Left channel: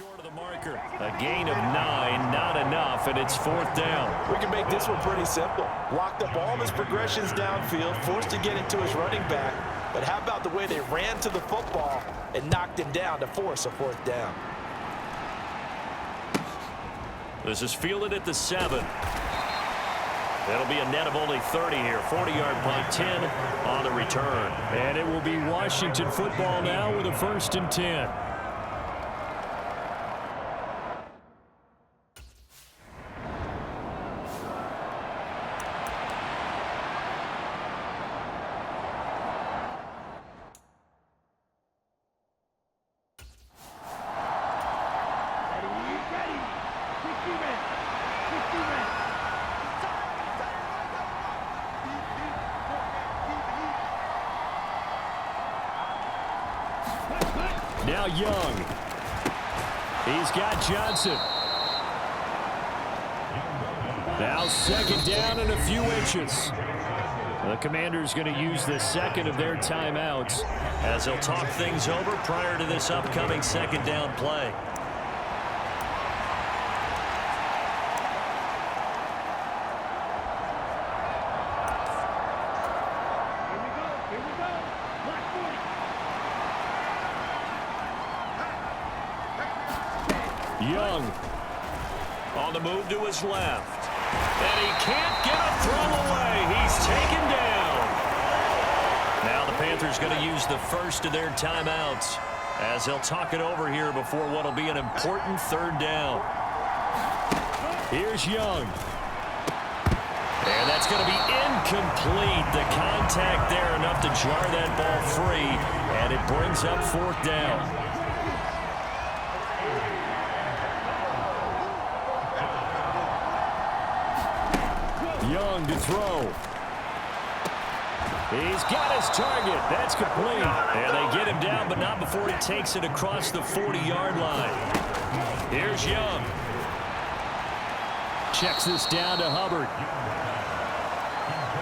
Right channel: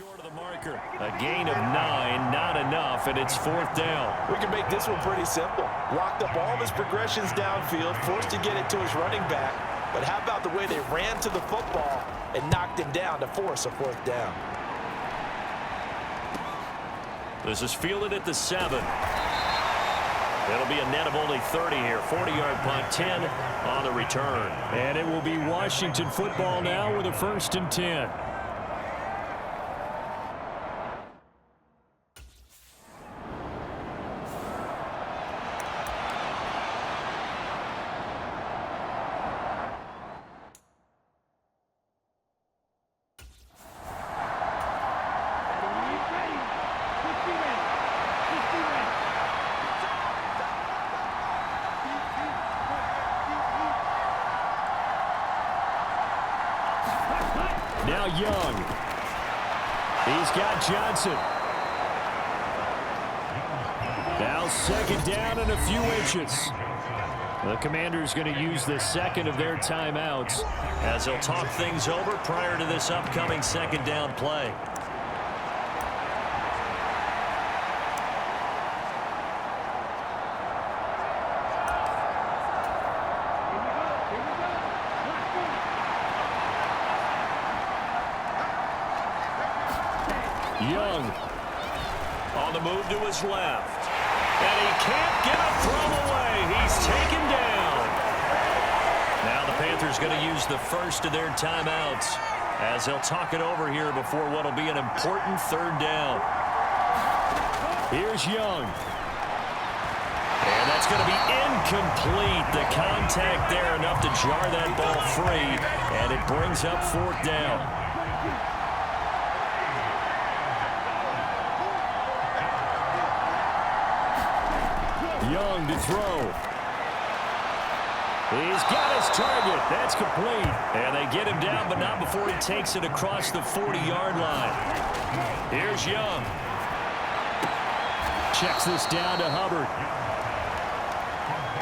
short of the marker. A gain of 9, not enough, and it's 4th down. We can make this one pretty simple. Locked up all of his progressions downfield, forced to get it to his running back. But how about the way they ran to the football and knocked him down to force a 4th down? This is fielded at the 7. It'll be a net of only 30 here. 40-yard punt, 10 on the return. And it will be Washington football now with a 1st and 10. Now Young. He's got Johnson. Now 2nd down and a few inches. The Commanders going to use the 2nd of their timeouts as they'll talk things over prior to this upcoming 2nd down play. Young on the move to his left. And he can't get a throw away. He's taken down. Now the Panthers going to use the 1st of their timeouts as they'll talk it over here before what will be an important 3rd down. Here's Young. And that's going to be incomplete. The contact there enough to jar that ball free. And it brings up 4th down. Young to throw. He's got his target. That's complete. And they get him down, but not before he takes it across the 40-yard line. Here's Young. Checks this down to Hubbard.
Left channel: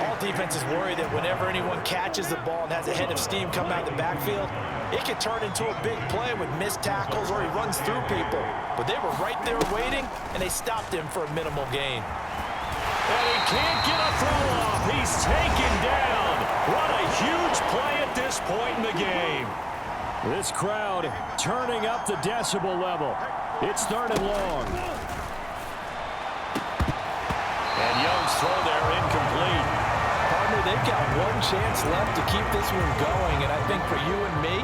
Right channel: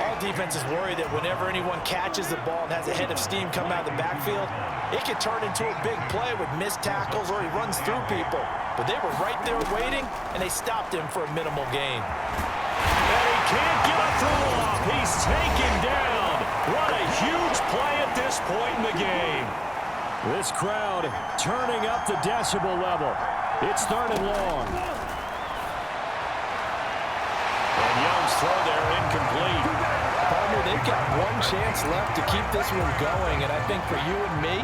All defenses worry that whenever anyone catches the ball and has a head of steam come out of the backfield, it can turn into a big play with missed tackles or he runs through people. But they were right there waiting, and they stopped him for a minimal gain. And he can't get a throw off. He's taken down. What a huge play at this point in the game. This crowd turning up the decibel level. It's 3rd and long. And Young's throw there incomplete. Partner, they've got one chance left to keep this one going, and I think for you and me,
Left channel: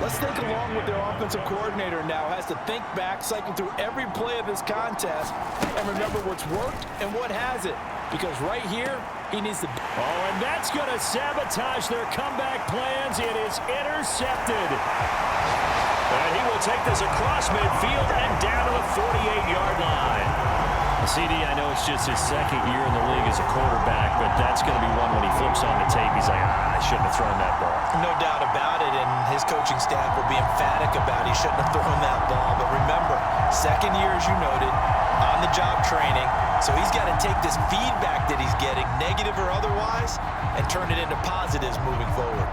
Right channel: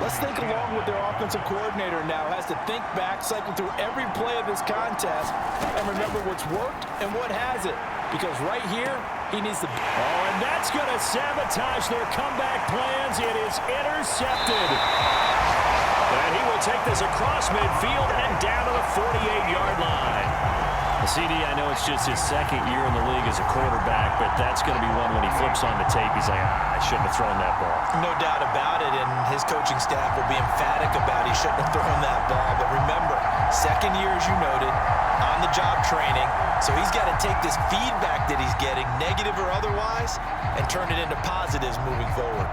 let's think along with their offensive coordinator now. Has to think back, cycle through every play of this contest, and remember what's worked and what hasn't. Because right here, he needs to... Oh, and that's going to sabotage their comeback plans. It is intercepted. And he will take this across midfield and down to the 48-yard line. CD, I know it's just his 2nd year in the league as a quarterback, but that's going to be one when he flips on the tape. He's like, I shouldn't have thrown that ball. No doubt about it, and his coaching staff will be emphatic about he shouldn't have thrown that ball. But remember, 2nd year, as you noted, on-the-job training, so he's got to take this feedback that he's getting, negative or otherwise, and turn it into positives moving forward.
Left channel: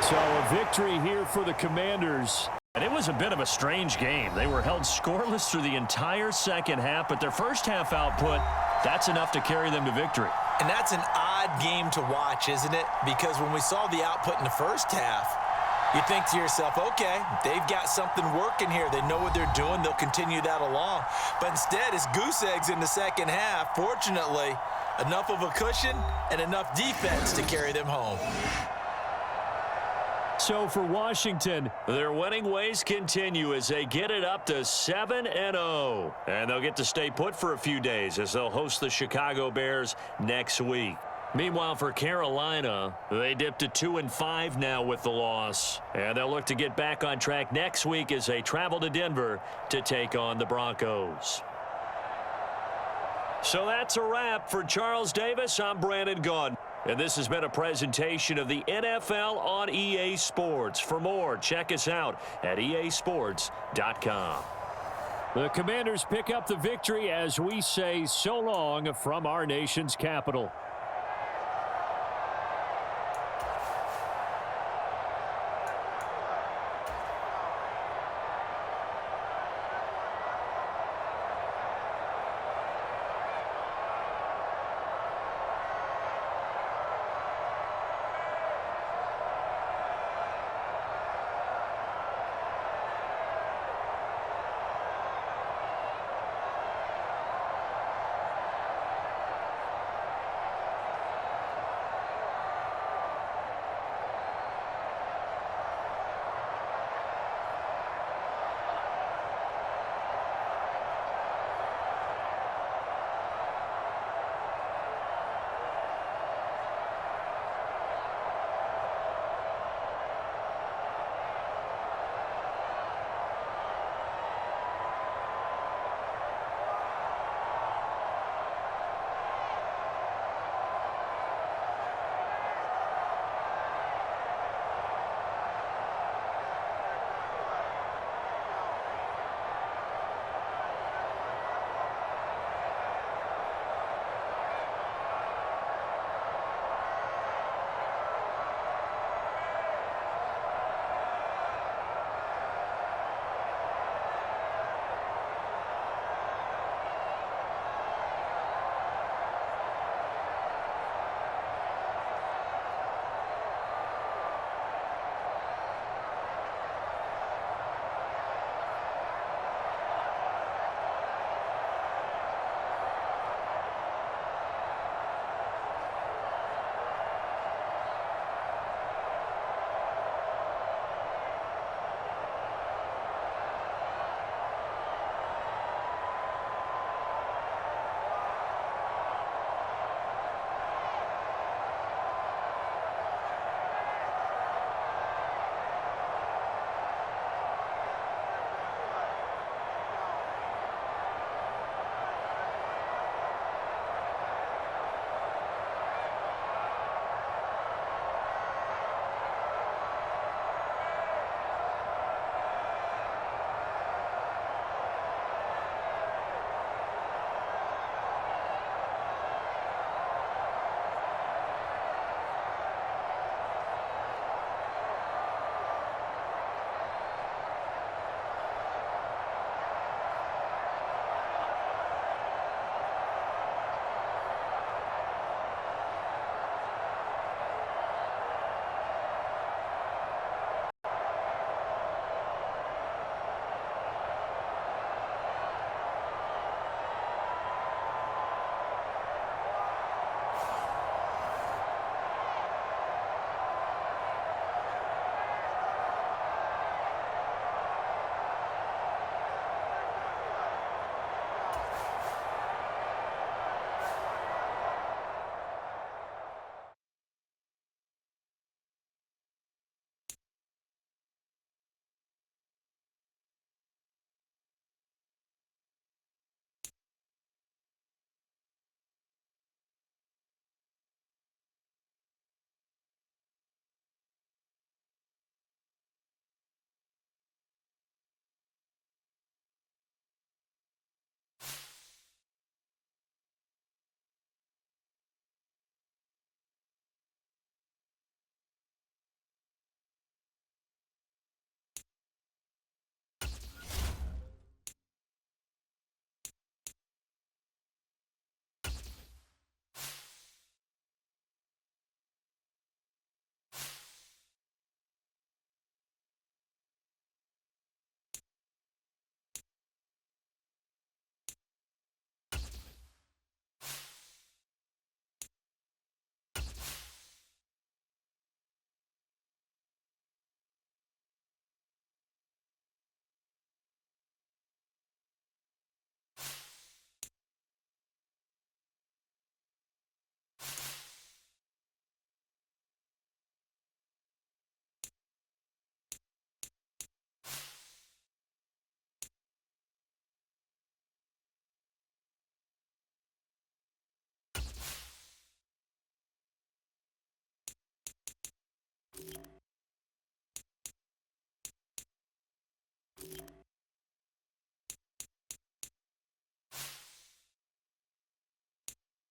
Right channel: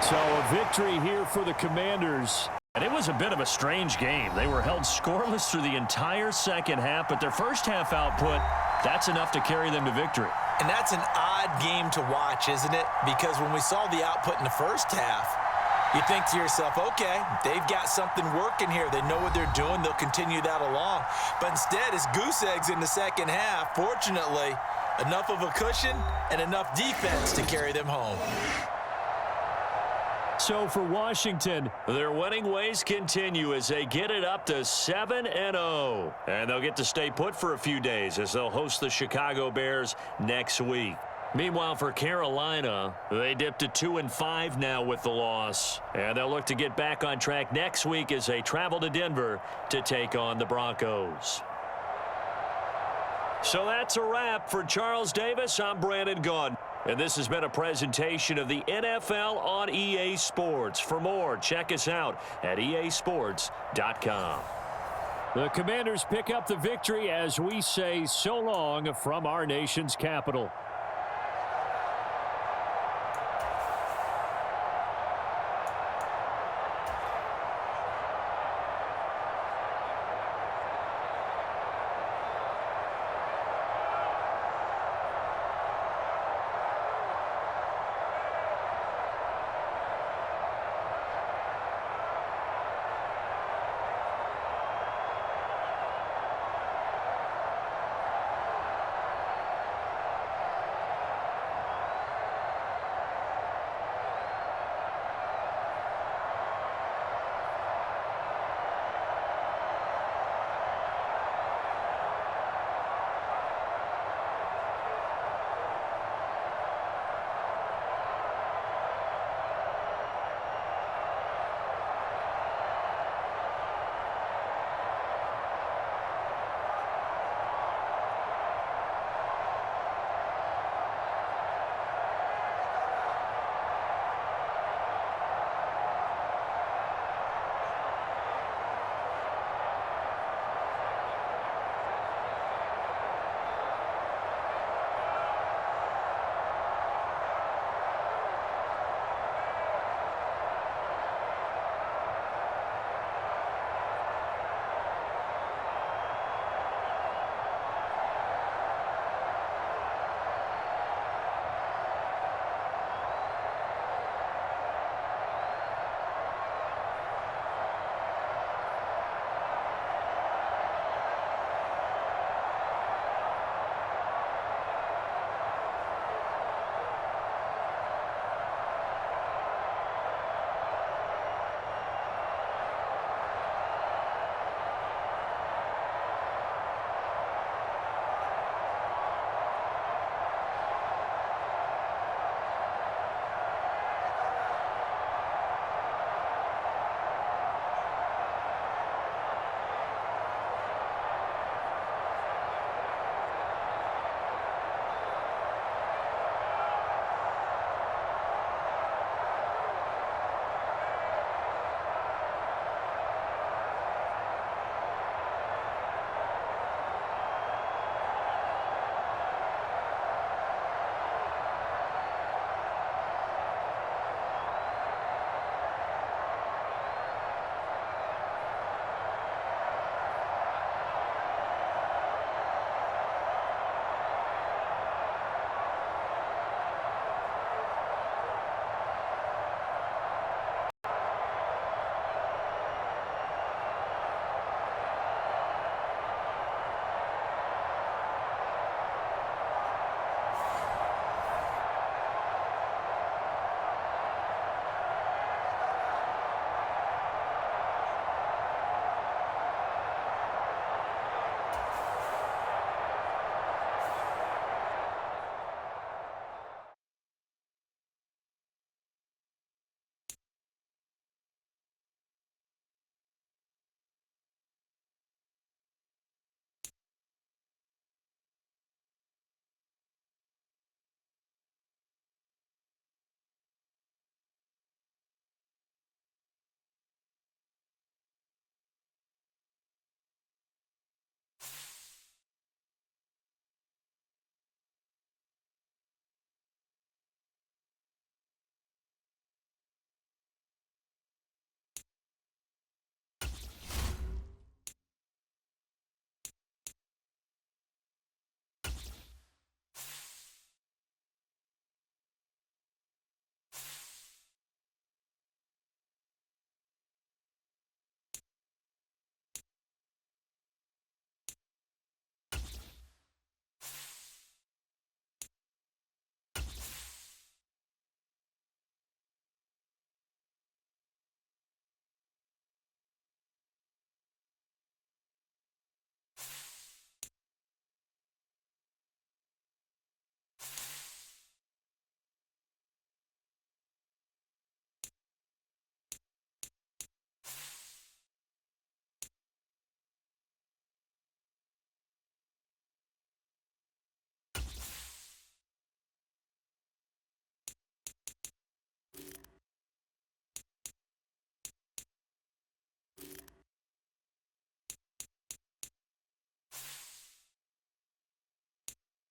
So a victory here for the Commanders. And it was a bit of a strange game. They were held scoreless through the entire 2nd half, but their 1st half output, that's enough to carry them to victory. And that's an odd game to watch, isn't it? Because when we saw the output in the 1st half, you think to yourself, okay, they've got something working here. They know what they're doing. They'll continue that along. But instead, it's goose eggs in the 2nd half. Fortunately, enough of a cushion and enough defense to carry them home. So for Washington, their winning ways continue as they get it up to 7-0. And they'll get to stay put for a few days as they'll host the Chicago Bears next week. Meanwhile, for Carolina, they dipped to 2-5 now with the loss. And they'll look to get back on track next week as they travel to Denver to take on the Broncos. So that's a wrap. For Charles Davis, I'm Brandon Gaudin. And this has been a presentation of the NFL on EA Sports. For more, check us out at easports.com. The Commanders pick up the victory as we say so long from our nation's capital.